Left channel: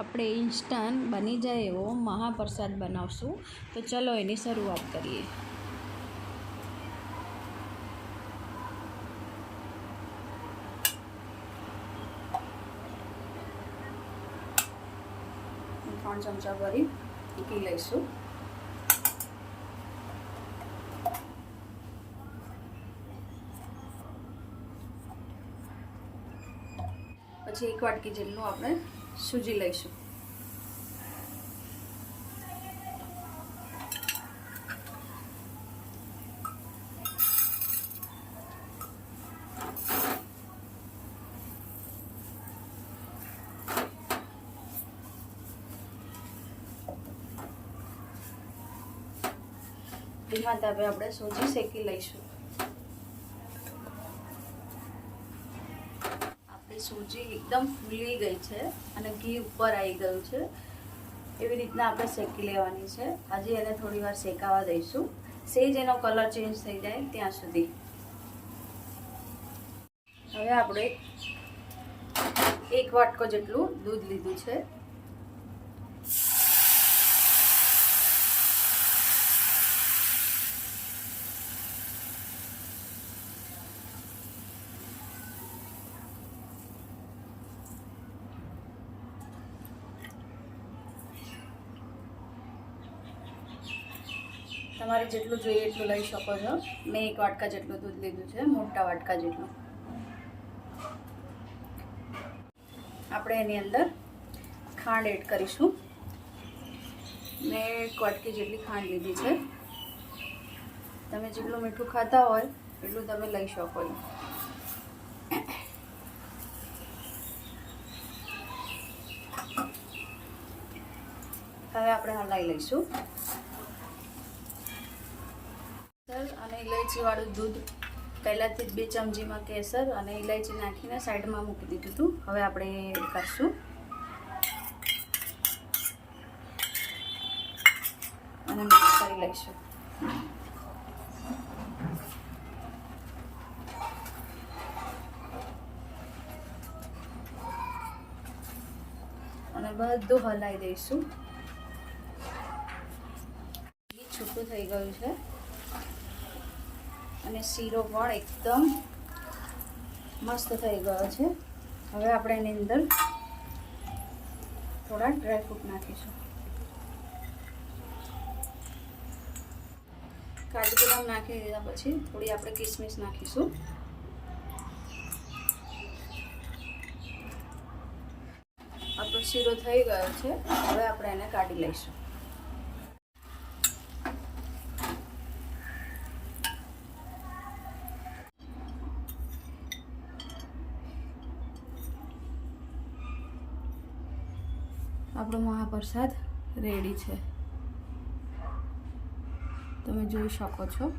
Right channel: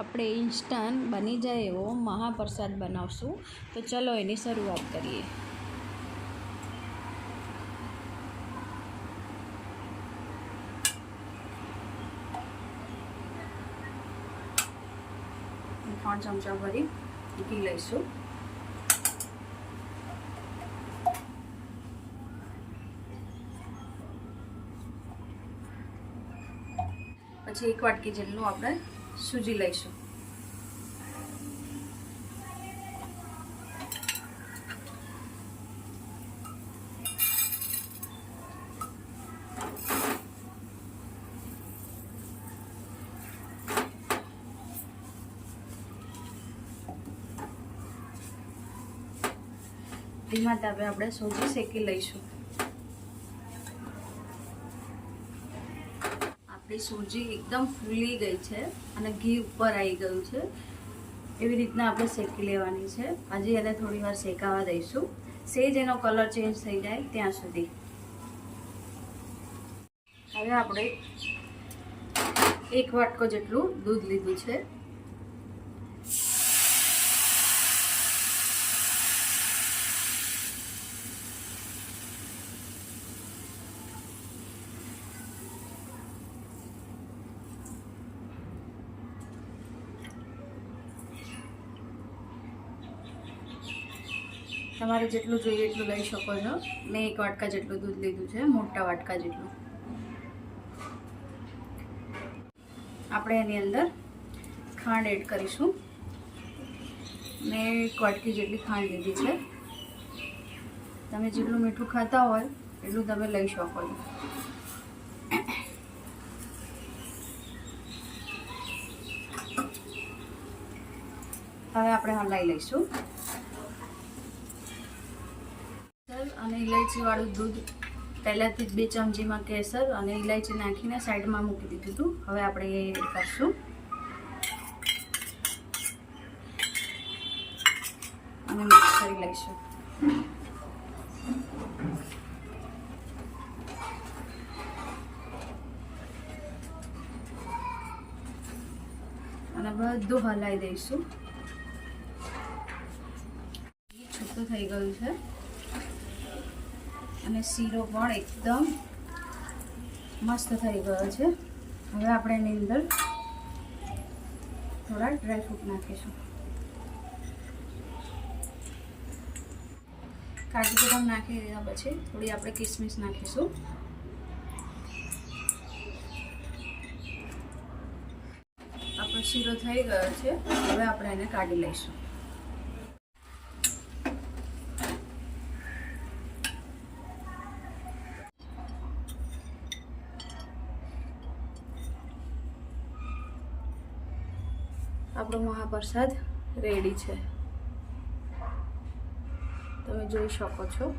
આપણે ઇન્સ્ટન્ટ બની જાય એવો મહાપ્રસાદ બનાવશું. તો ચલો એની શરૂઆત કરીએ. ત્રણ ચમચા ભરી ઘી લઈશું. પછી એક વાટકી જેટલું આપણે સૂજી લઈશું? ધીમા તાપે આપણે સૂજી શેકી લઈશું. આપણી સૂજી એકદમ ફૂલી ગઈ છે અને ઘી ઉપર આવી ગયું છે. એવી રીતના આપણે શેકી લેવાની છે. હજી એને થોડી વાર શેકાવા દઈશું. સેજ એનો કલર ચેન્જ થઈ જાય ત્યાં સુધી. હવે આપણે એક વાટકો જેટલું દૂધ લીધું છે. તમારે જેટલું જોઈએ એટલું લઈ શકો છો. મેં એક વાટકા જેટલું દૂધ લીધું છે, મોટા વાટકા જેટલું. આપણે એની અંદર ખાંડ એડ કરીશું. મેં એક વાટકી જેટલી ખાંડ લીધી છે. તમે જેટલું મીઠું ખાતા હોય, એટલું તમે લઈ શકો છો. હવે આપણે હલાઈ લઈશું કેસર અને ઇલાયચી વાળું દૂધ પહેલાંથી જ બે ચમચીમાં કેસર અને ઇલાયચી નાખીને સાઈડમાં મૂકી દીધું હતું. હવે આપણે એ કરશું. અને મિક્સ કરી લઈશું. અને બધું હલાવી દઈશું. છૂટું થઈ ગયું છે. અને શીરો પણ એકદમ મસ્ત થઈ ગયો છે. હવે આપણે એની અંદર થોડા ડ્રાયફ્રૂટ નાખીશું. કાજુ બદામ નાખી દીધા પછી થોડી આપણે કિસમિસ નાખીશું. આપણો શીરો થઈ ગયો છે. હવે આપણે એને કાઢી લઈશું. આપણો મહાપ્રસાદ રેડી છે. તમે જોઈ શકો છો.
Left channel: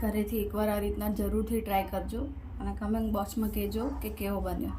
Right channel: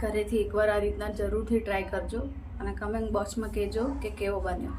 ઘરેથી એકવાર આ રીતના જરૂરથી ટ્રાય કરજો અને કમેન્ટ બોક્સમાં કહેજો કે કેવો બન્યો.